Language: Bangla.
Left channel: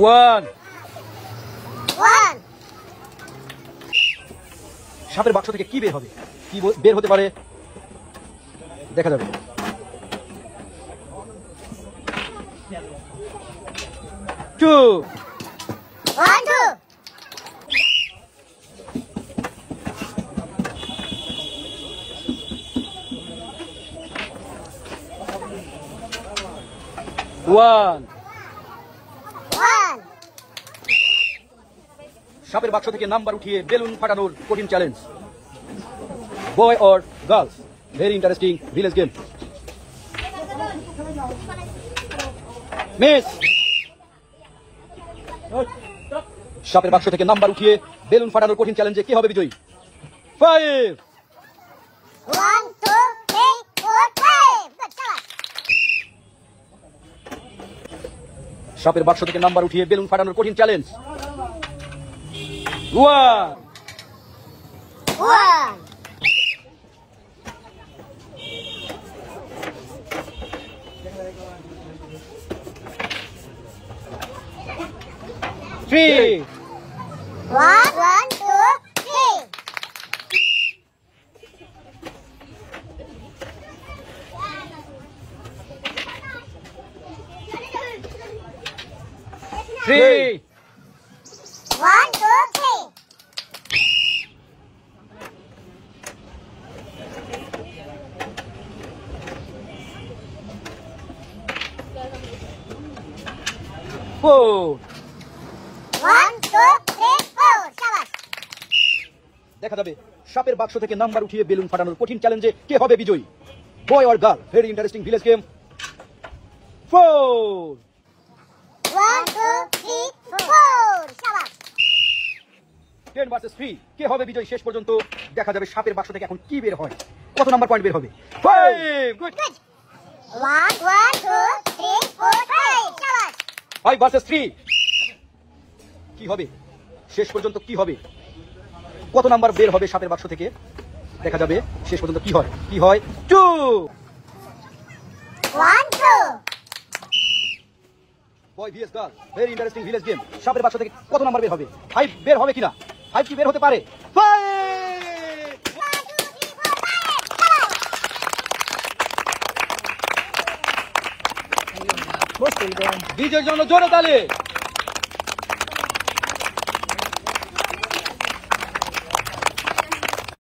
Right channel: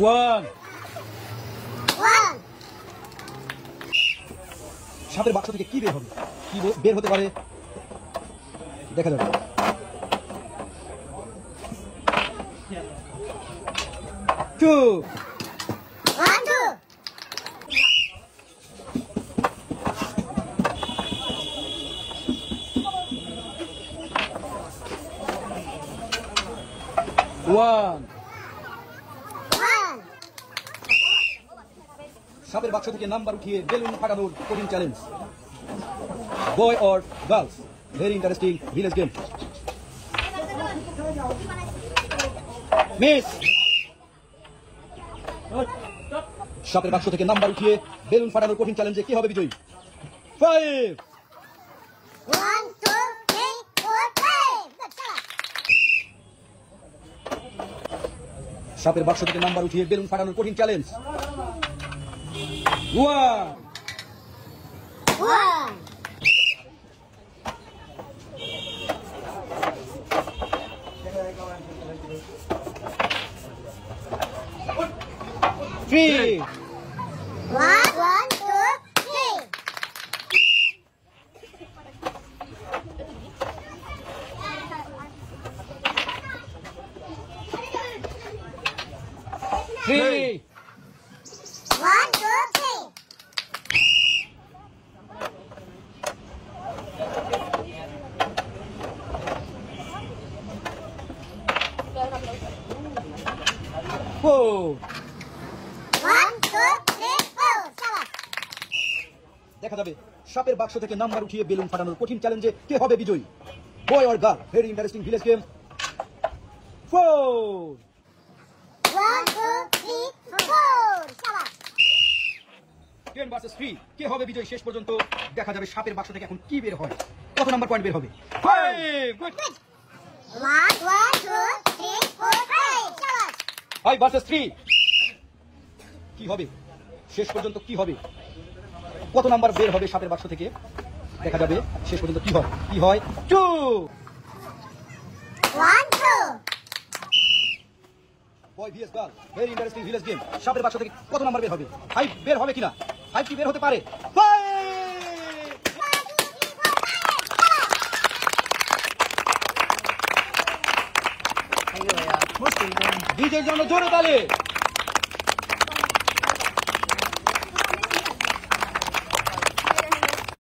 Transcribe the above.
ওয়ান। ওয়ান। সাপের বাক্স থেকে কি বের হবে? কি বের হতে পারে দেখা যাবে। Two. One two. One. One. সাপের বাক্স থেকে নাম্বার উঠিয়ে বেলুন ফাটানোর কঠিন challenge. Boy or girls, very interesting village game. Miss. সাপের বাক্স থেকে নাম্বার উঠিয়ে বেলুন ফাটানোর কঠিন চ্যালেঞ্জে কে হবে বিজয়ী? 5। 1 2 3 4 5। সাপের বাক্স থেকে নাম্বার উঠিয়ে বেলুন ফাটানোর কঠিন চ্যালেঞ্জ। 1। 1 3। 1 1 2 3 3। 1 2 3 4। 1 2 3 4 শাবাশ। দেখা যাবে সাপের বাক্স থেকে নাম্বার উঠিয়ে বেলুন ফাটানোর কঠিন চ্যালেঞ্জে কে হবে বিজয়ী? বয় or girl, very interesting village game. 4। 1 2 3 4 শাবাশ। 10 versus 3 কে হবে বিজয়ী? শেষ পর্যন্ত দেখা যাবে সাপের বাক্স থেকে এখন কি বের হয়, কত নাম্বার পয়েন্ট বের হবে। 5। গুড। 1 1 2 3 4 5 শাবাশ। 5 ভার্সেস 3 কি হবে? শেষ পর্যন্ত কি হবে, কত নাম্বার বের হবে সাপের বাক্স থেকে দেখা যাবে শেষ পর্যন্ত কি হয়। কি হয়? 2। 1 2 boy vs girl, very interesting village game. সাপের বাক্স থেকে কত নাম্বার বের হবে? 5 বের হবে কিনা? 5 কি বের হতে পারে? 5। বিজয়ের জন্য জোরে তালি।